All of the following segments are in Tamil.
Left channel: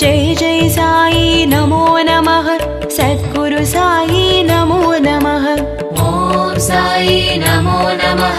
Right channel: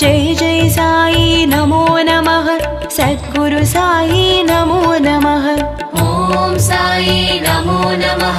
जय जय साई नमो नमः सद्गुरु साई नमो नमः। ओम साई नमो नमः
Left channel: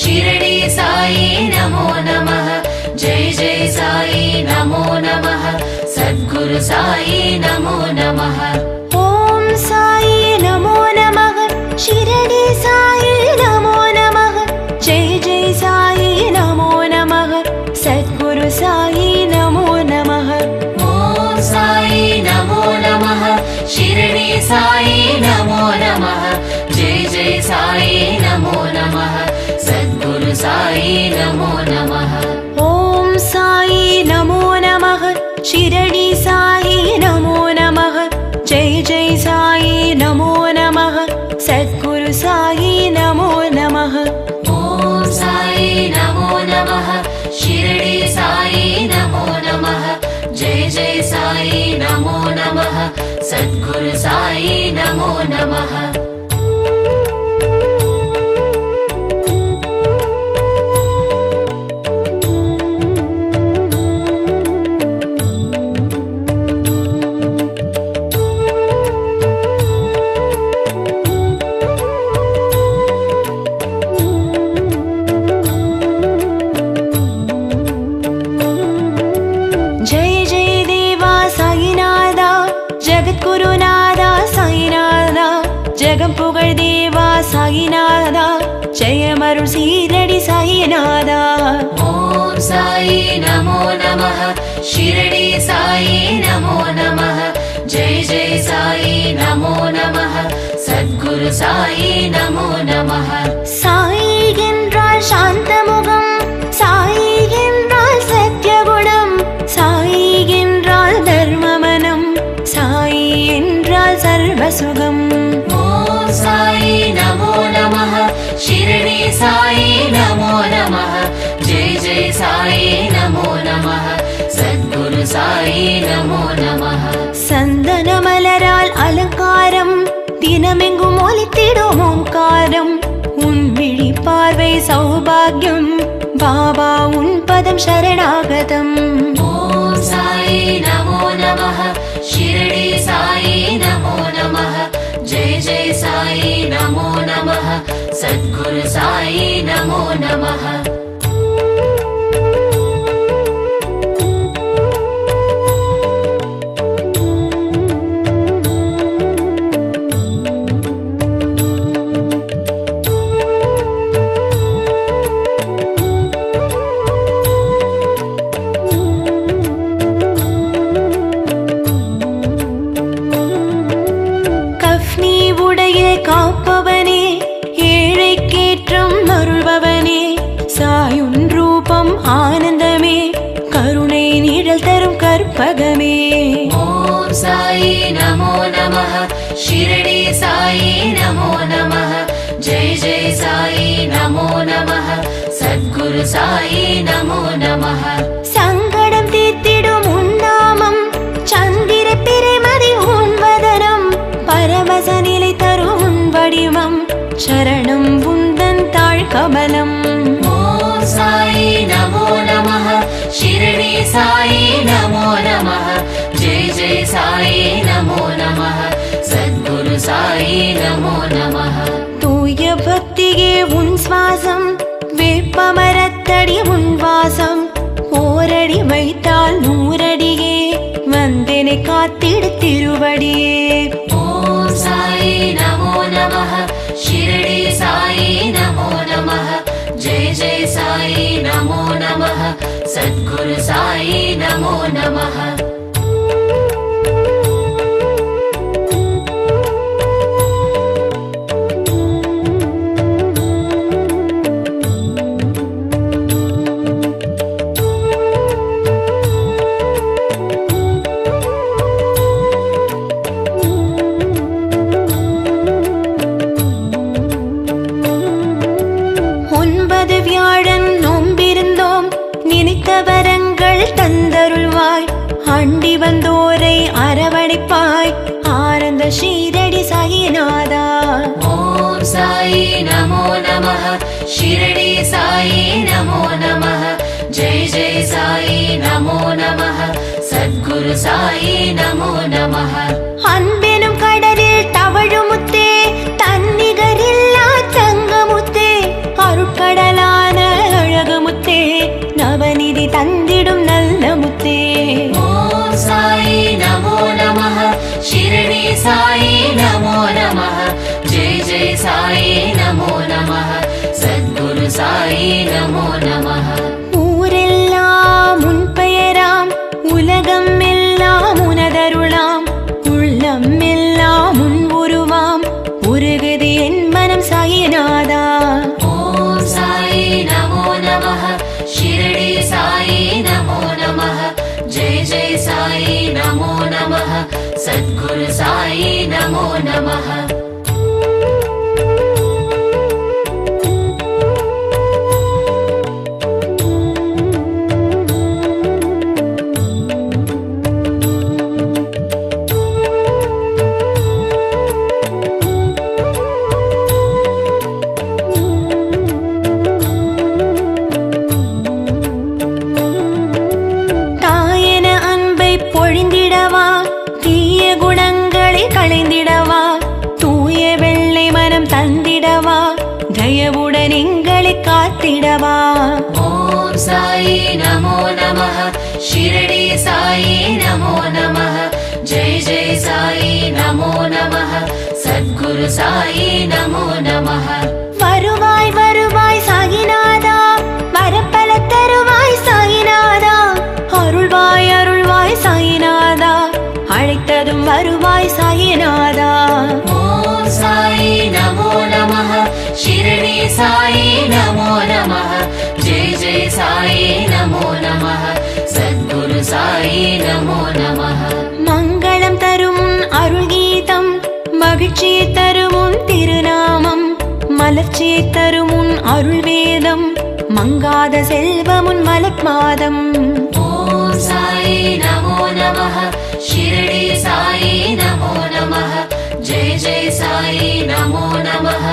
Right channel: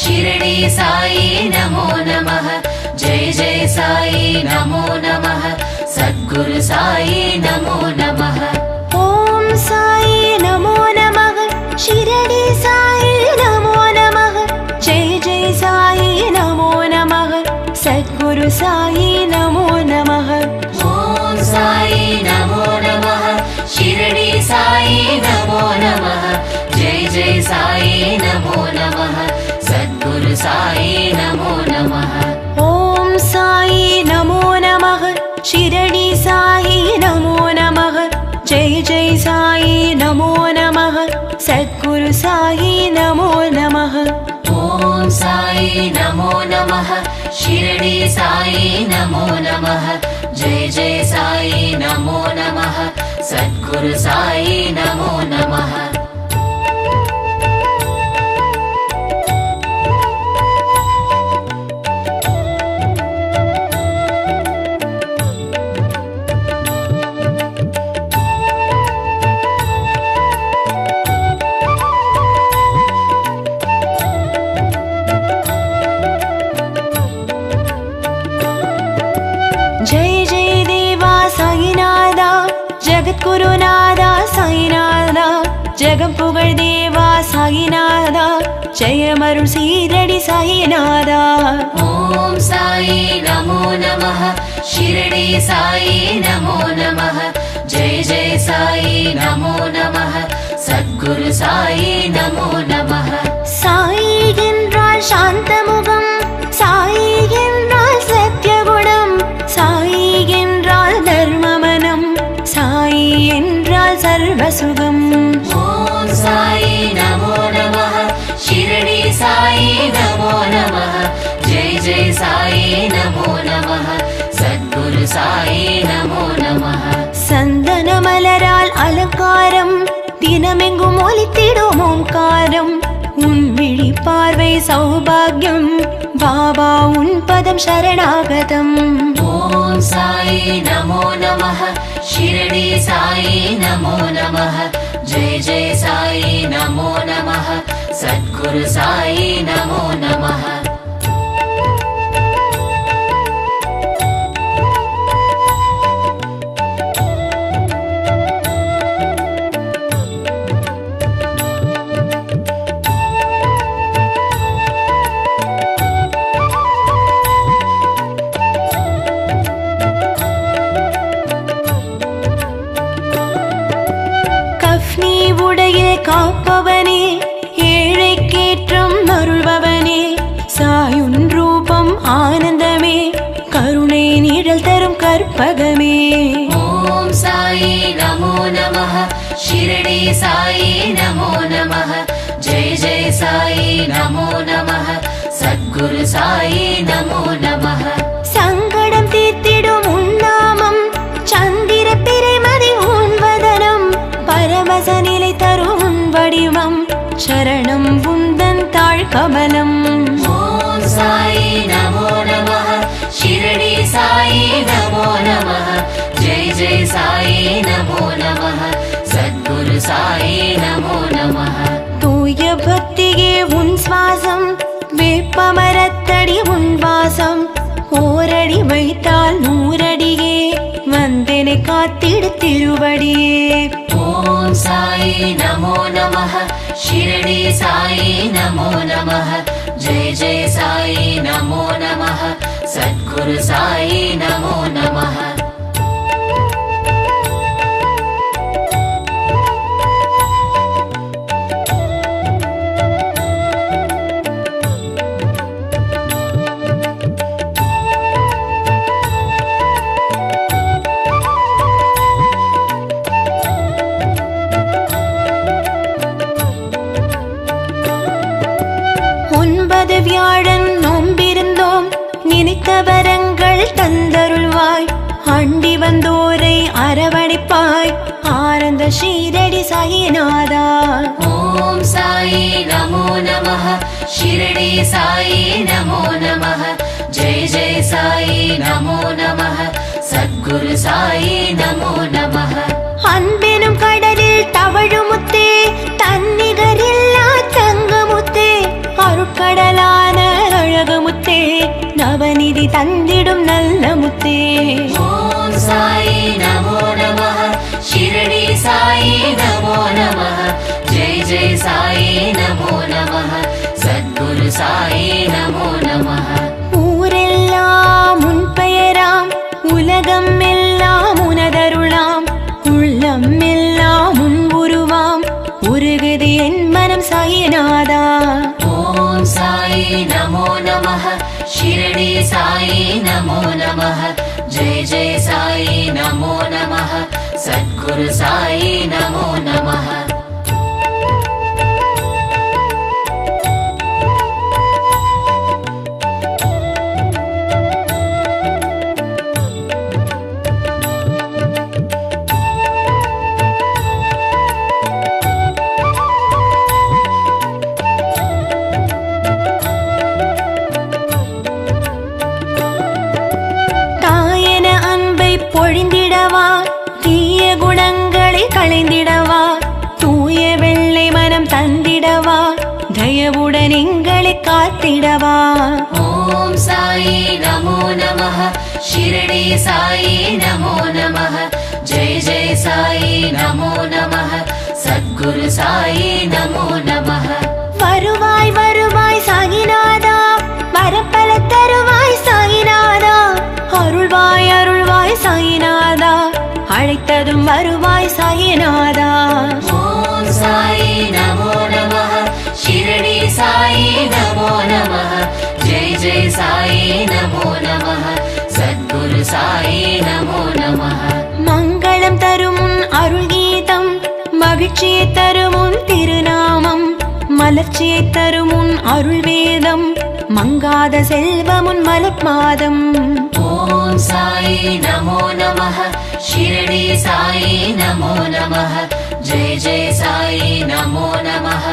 शिरडी साई नमो नमः जय जय साई नमो नमः सद्गुरु साई नमो नमः। ओम साई नमो नमः शिरडी साई नमो नमः जय जय साई नमो नमः सद्गुरु साई नमो नमः। ओम साई नमो नमः शिरडी साई नमो नमः जय जय साई नमो नमः सद्गुरु साई नमो नमः। ओम साई नमो नमः शिरडी साई नमो नमः जय जय साई नमो नमः सद्गुरु साई नमो नमः। ओम साई नमो नमः शिरडी साई नमो नमः जय जय साई नमो नमः सद्गुरु साई नमो नमः। जय जय देवा साईनादा जगद्गुरुनादा साईनादा जगं पुगळ देवा साईनादा जयमरुळ शीरडी साईनादा। ओम साई नमो नमः शिरडी साई नमो नमः जय जय साई नमो नमः सद्गुरु साई नमो नमः। साई என்றால் சாந்தமுகம் சாய் என்றால் சத்யகுணம் சாய் என்றால் தர்மமனம் சாய் என்றால் சர்வசுகம்। ओम साई नमो नमः शिरडी साई नमो नमः जय जय साई नमो नमः सद्गुरु साई नमो नमः। சந்தன மலரால் அலங்காரம் தினமெங்கும் ஒலித்திடும் ஓங்காரம் உன் விழி பார்வை சௌபாகியம் பாபா உன் பதம் சரணாகதம்। ओम साई नमो नमः शिरडी साई नमो नमः जय जय साई नमो नमः सद्गुरु साई नमो नमः। கஃப்னி உடையில் காப்பவனே ஏழைக்கேற்றம் அருள்பவனே சாயுன் ரூபம் ஆனந்தமே கருணை நிழல் தரும் கற்பகமே। ओम साई नमो नमः शिरडी साई नमो नमः जय जय साई नमो नमः सद्गुरु साई नमो नमः। சங்கடம் தீர்த்திடும் உன் நாமம் சந்திர பிறைமதி உன் வதனம் பரமச நிலை தரும் உன் வடிவம் சரணம் உந்தன் தாழ் கமலம்। ओम साई नमो नमः शिरडी साई नमो नमः जय जय साई नमो नमः सद्गुरु साई नमो नमः। தூய பக்தியே உன் சுவாசம் வேப்பமரத்தடி உன் வாசம் ஓரடி வைத்தால் நூறடியே வந்தெனை காத்திடு திருவடியே। ओम साई नमो नमः शिरडी साई नमो नमः जय जय साई नमो नमः सद्गुरु साई नमो नमः। ஒன்பது வியாழன் நோம்பிருந்தோம் நினைத்த வரங்கள் தந்தருள்வாய் அண்டி வந்தோரை அரவணைப்பாய் ஆனந்த ஷீரடி சாயிநாதா। ओम साई नमो नमः शिरडी साई नमो नमः जय जय साई नमो नमः சத்குரு சாயி நமோ நமः. அன்பெனும் கடலில் தவழுமுத்தே, தன்னிகரில்லா தங்கமுத்தே, அருட்கடலான அழகுமுத்தே, நவநிதி தந்திடும் நல்ல முத்தே. ஓம் சாயி நமோ நமः. ஷிரடி சாயி நமோ நமः. ஜெய ஜெய சாயி நமோ நமः. சத்குரு சாயி நமோ நமः. ஊரெல்லாம் உன் பெயராம், உலகம் எல்லாம் உனதருளாம், உள்ளம் எல்லாம் உன் உருவாம், உருகுது என் மனம் சாயிநாதா. ஓம் சாயி நமோ நமः. ஷிரடி சாயி நமோ நமः. ஜெய ஜெய சாயி நமோ நமः. சத்குரு சாயி நமோ நமः. தாயன அன்பை பொழிந்திடவா, தீய குணங்களை களைந்திடவா, தூய வெள்ளை மனம் தந்திடவா, தயவுடன் எங்களை காத்திடவா. ஓம் சாயி நமோ நமः. ஷிரடி சாயி நமோ நமः. ஜெய ஜெய சாயி நமோ நமः. சத்குரு சாயி நமோ நமः. வருவாய் வருவாய் சாயிநாதா, வரப்பல தருவாய் சாயிநாதா, அருள்வாய் அருள்வாய் சாயிநாதா, அழைத்ததும் வருவாய் சாயிநாதா. ஓம் சாயி நமோ நமः. ஷிரடி சாயி நமோ நமः. ஜெய ஜெய சாயி நமோ நமः. சத்குரு சாயி நமோ நமः. மங்களம் தரும் உன் அருள் கீதம், மகிழ்ச்சியை தரும் உன் திருநாமம், மலர்ச்சியை தரும் உன் அருள் வேதம், மங்காத செல்வம் உன் மலர்மாதம். ஓம் சாயி நமோ நமः. ஷிரடி சாயி நமோ நமः. ஜெய ஜெய சாயி நமோ நமः.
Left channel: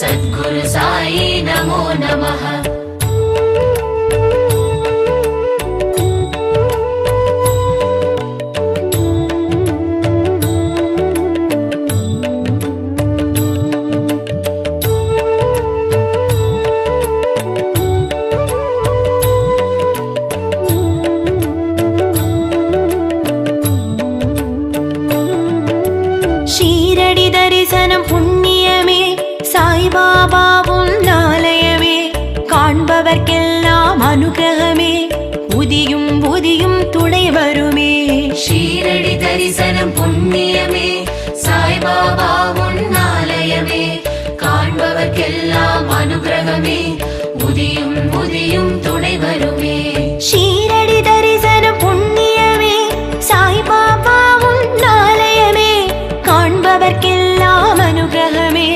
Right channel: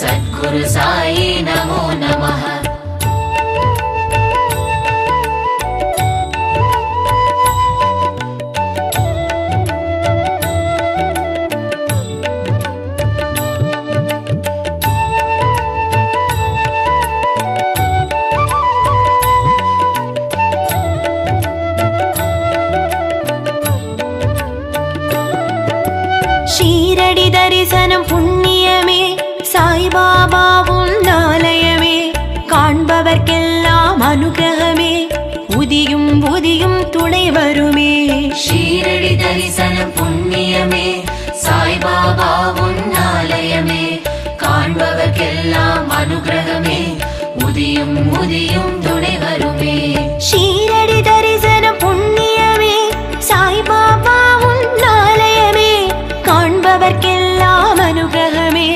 சத்குரு சாயி நமோ நமः. ஷீரடி தரிசனம் புண்ணியமே, சாய்பாபா உன் ஆலயமே, காண்பவர்க்கெல்லாம் அனுகிரகமே, புதியும் புதியும் துணை வருமே. ஷீரடி தரிசனம் புண்ணியமே, சாய்பாபா உன் ஆலயமே, காண்பவர்க்கெல்லாம் அனுகிரகமே, உதியும் உதியும் துணை வருமே. ஷீரடி தரிசனம் புண்ணியமே, சாய்பாபா உன் ஆலயமே, காண்பவர்க்கெல்லாம் அனுகிரகமே,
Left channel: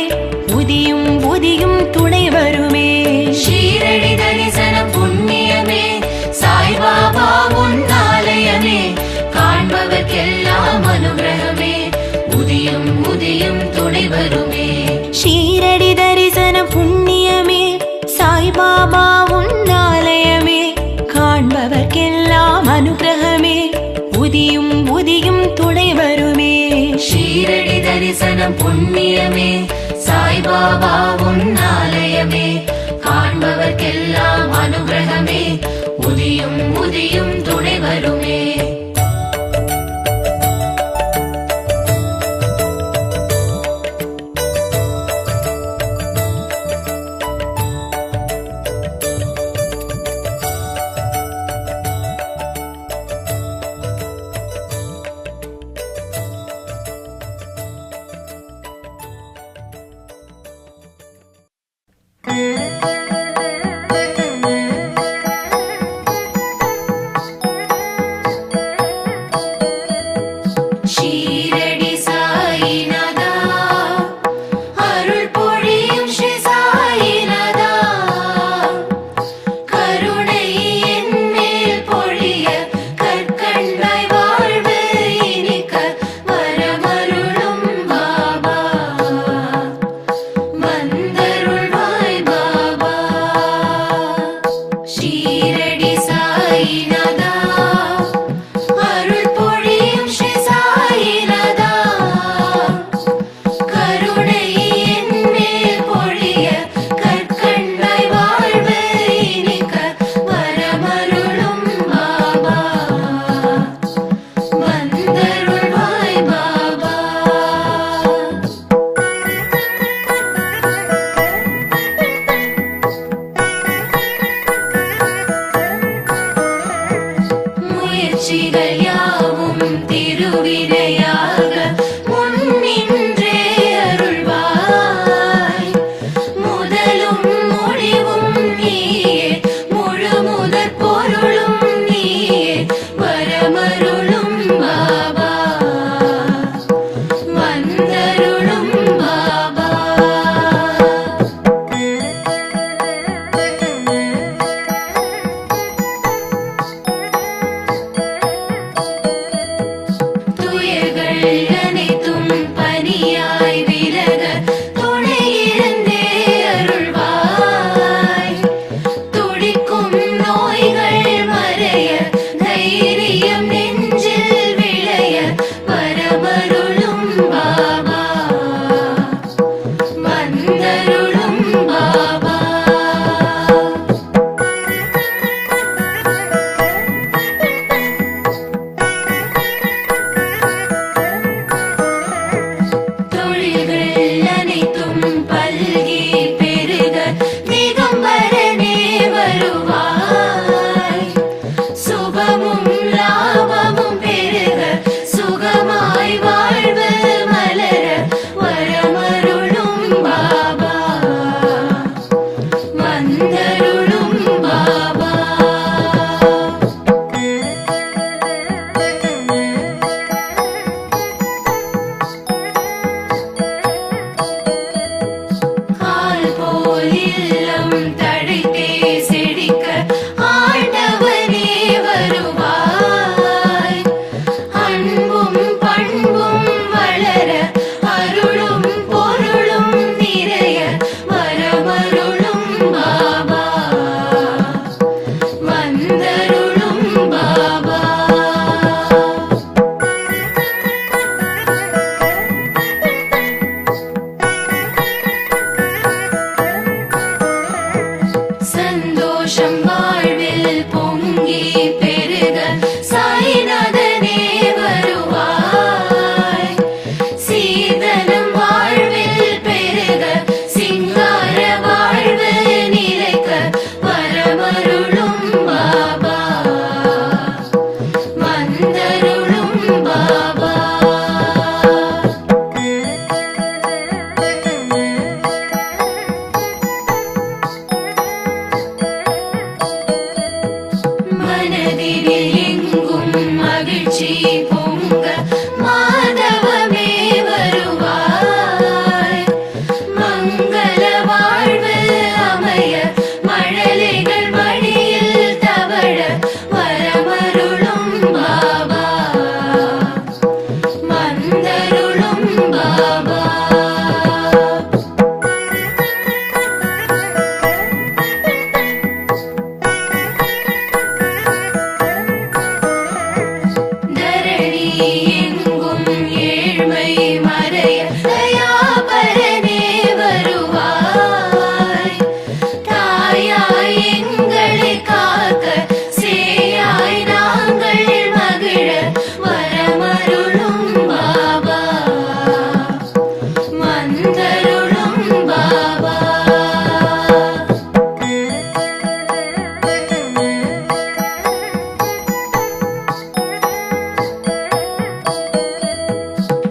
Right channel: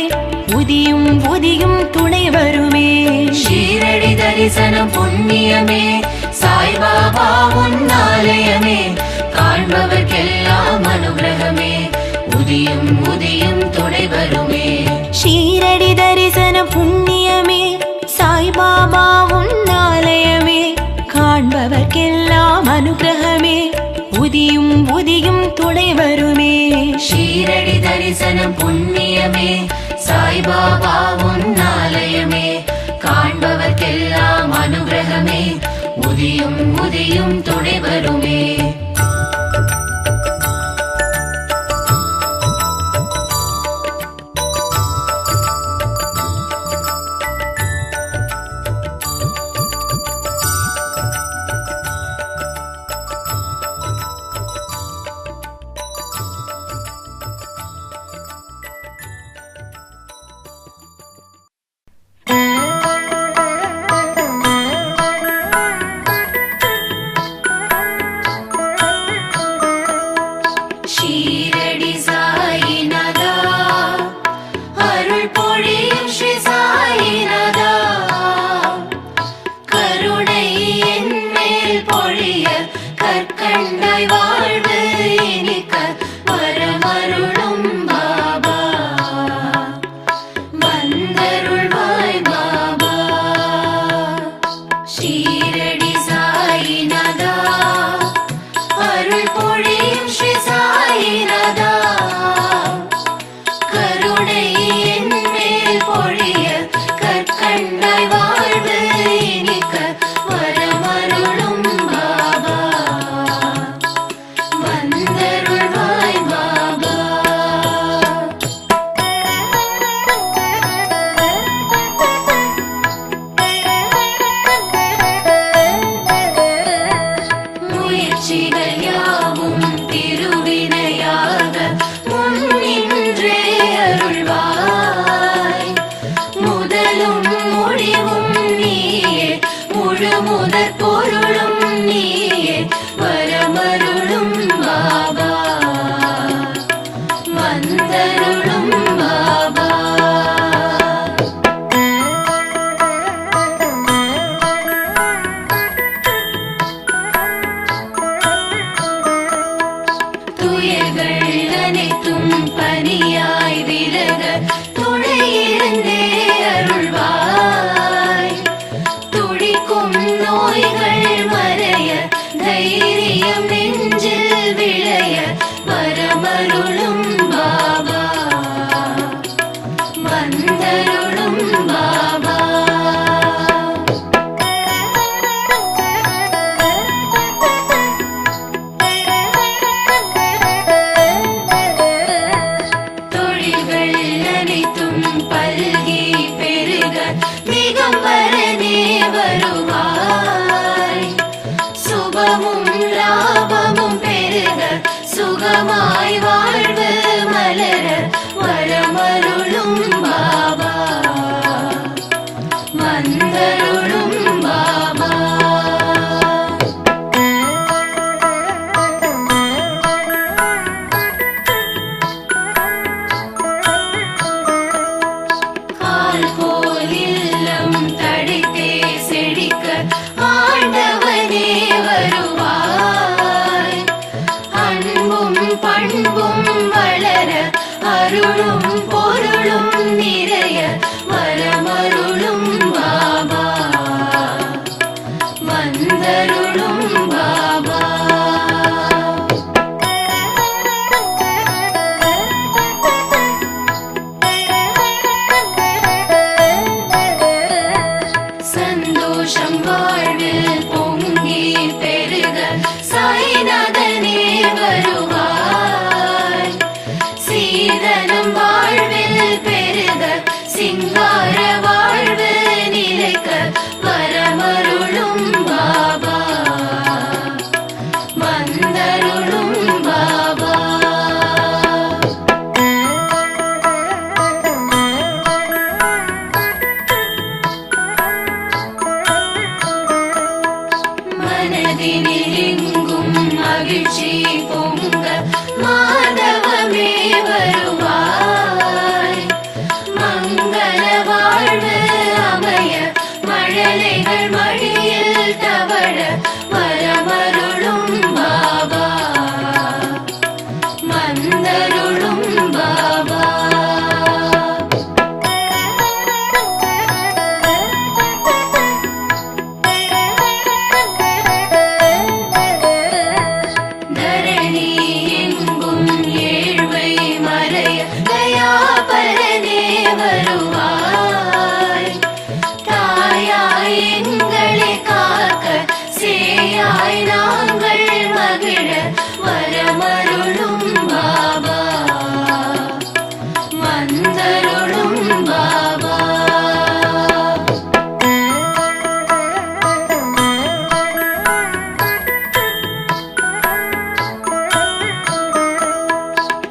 புதியும் புதியும் துணை வருமே. ஷீரடி தரிசனம் புண்ணியமே, சாய்பாபா உன் ஆலயமே, காண்பவர்க்கெல்லாம் அனுகிரகமே, உதியும் உதியும் துணை வருமே. ஷீரடி தரிசனம் புண்ணியமே, சாய்பாபா உன் ஆலயமே, காண்பவர்க்கெல்லாம் அனுகிரகமே, புதியும் புதியும் துணை வருமே. ஷீரடி தரிசனம் புண்ணியமே, சாய்பாபா உன் ஆலயமே, காண்பவர்க்கெல்லாம் அனுகிரகமே, உதியும் உதியும் துணை வருமே. வந்தருள்வாய் பாபா. முயற்சிகள் யாவும் திருவினையாக முன்னின்றே அருள்வாய். முதலும் முடிவும் நீயே, முழு முதற் பொருளும் நீயே, வரமருளும் பாபா, வந்தருளும் பாபா. துயர்கள் அனைத்தும் பனியாய் விலக துணையிருந்தே அருள்வாய். துடிக்கும் நோய்கள் மறைய, தைரியம் நெஞ்சில் விளைய, வரமருளும் பாபா, வந்தருளும் பாபா. தொழில்கள் அனைத்தும் பல்கி பெருக திகம்பரனே வருவாய். சுபமும் லாபமும் பெருக, சுகமாய் வாழ்வு மலர, வரமருளும் பாபா, வந்தருளும் பாபா. கால் போல் இல்லம் தழைத்தே செழிக்க, ஆண்டவனே வருவாய். அன்பும் பண்பும் வளர, அருளும் பொருளும் நிறைய, வரமருளும் பாபா, வந்தருளும் பாபா. சந்தோஷம் வாழ்வில் பொங்கி பெருக, சாய்நாதனே வருவாய். சீதனம் வாழ்வில் பெருக, சிங்கார வாழ்வு நிலைக்க, வரமருளும் பாபா, வந்தருளும் பாபா. மனதினில் எங்கும் மகிழ்ச்சி பொங்க, மாதவமே வருவாய். மங்கள வாழ்வு அமைய, மழலைகள் மடியில் தவழ, வரமருளும் பாபா, வந்தருளும் பாபா. தரணி எங்கும் ஏழ்மை மறைய, தயாபரனே வருவாய். தாயாய் எங்களை காக்க, சேயாய் நாங்கள் மகிழ, வரமருளும் பாபா, வந்தருளும் பாபா.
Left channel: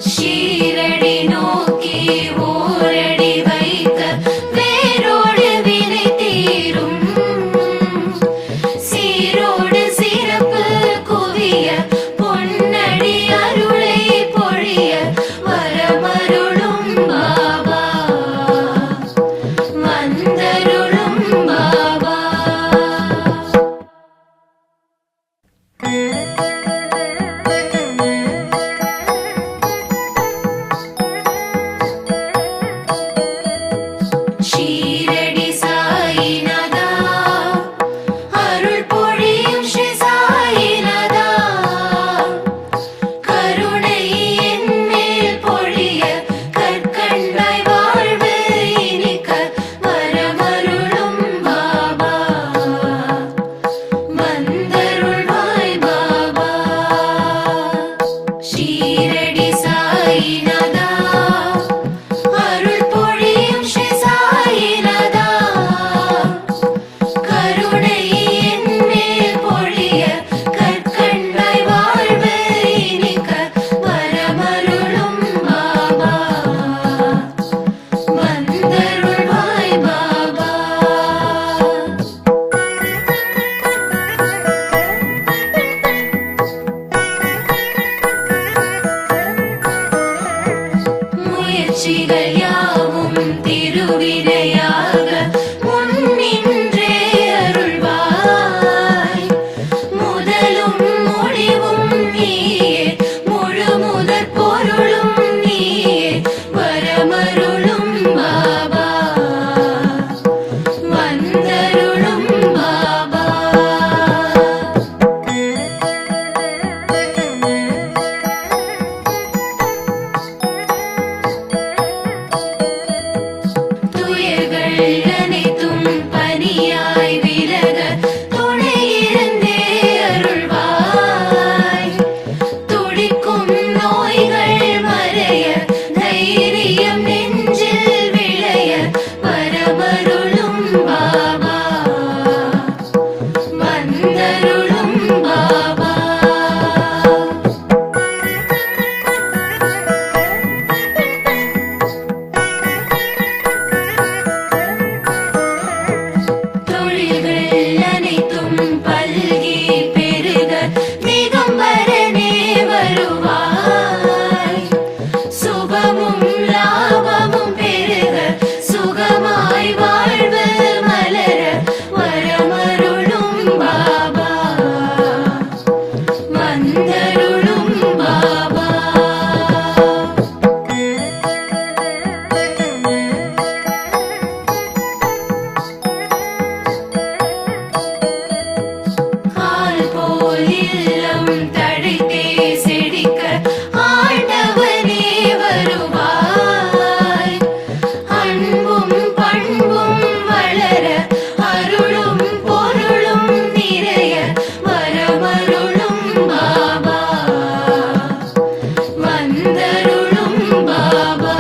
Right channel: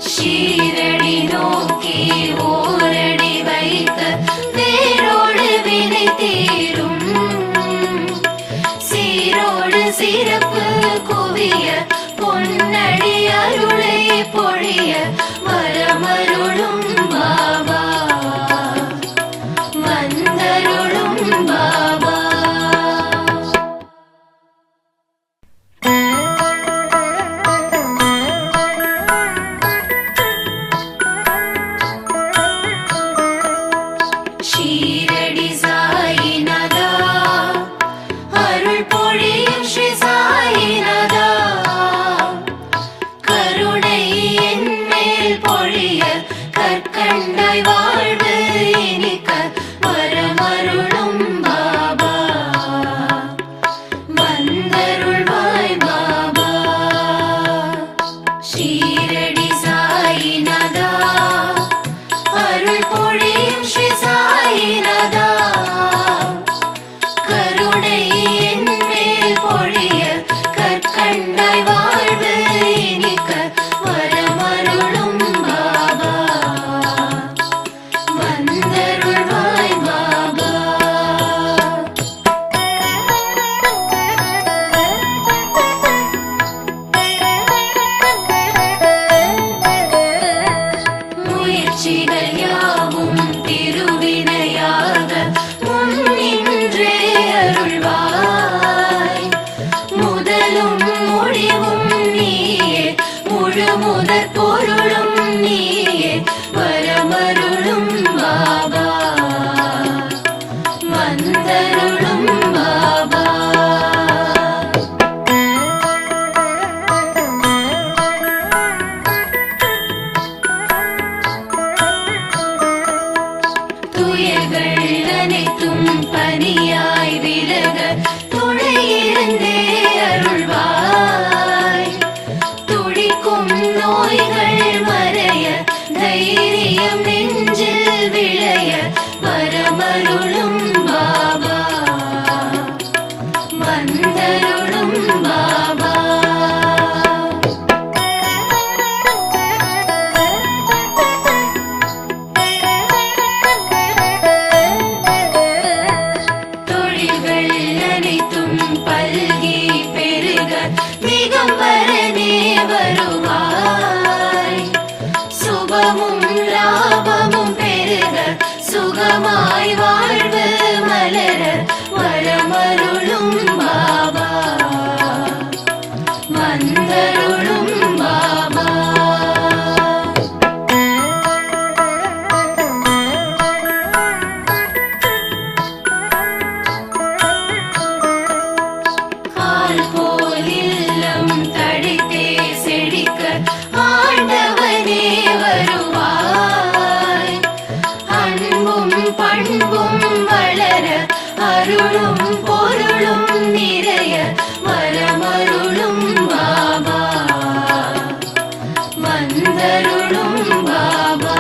ஷீரடி நோக்கி ஓரடி வைக்க, வேரோடு வினை தீரும். சீரோடு சிறப்பு குவிய, பொன்னடி அருளை பொழிய, வரமருளும் பாபா, வந்தருளும் பாபா. ஷீரடி சாயிநாதா அருள் பொழியும் ஸ்ரீ சாயிநாதா கருணை என் மேல் பொழிய கற்கண்டாய் வாழ்வு இனிக்க வரமருளும் பாபா வந்தருள்வாய் பாபா. முயற்சிகள் யாவும் திருவினையாக முன்னின்றே அருள்வாய் முதலும் முடிவும் நீயே முழு முதற் பொருளும் நீயே வரமருளும் பாபா வந்தருளும் பாபா. துயர்கள் அனைத்தும் பனியாய் விலக துணையிருந்தே அருள்வாய் துடிக்கும் நோய்கள் மறைய தைரியம் நெஞ்சில் விளைய வரமருளும் பாபா வந்தருளும் பாபா. தொழில்கள் அனைத்தும் பல்கி பெருக திகம்பரனே வருவாய் சுபமும் லாபமும் பெருக சுகமாய் வாழ்வு மலர வரமருளும் பாபா வந்தருளும் பாபா. கால் போல் இல்லம் தழைத்தே செழிக்க ஆண்டவனே வருவாய் அன்பும் பண்பும் வளர அருளும் பொருளும் நிறைய வரமருளும் பாபா வந்தருளும் பாபா.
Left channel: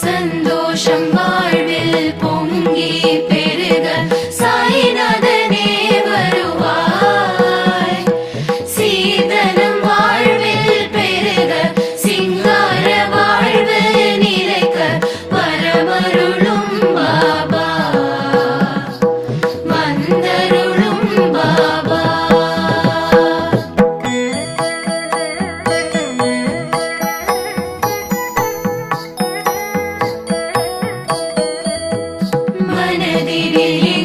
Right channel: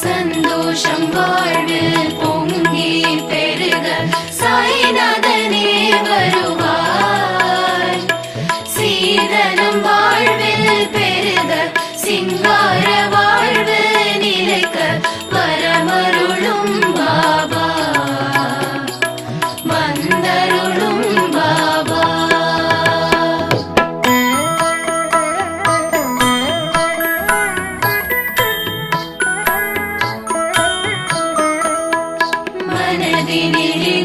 சந்தோஷம் வாழ்வில் பொங்கி பெருக சாய்நாதனே வருவாய் சீதனம் வாழ்வில் பெருக சிங்கார வாழ்வு நிலைக்க வரமருளும் பாபா வந்தருளும் பாபா. மனதினிலே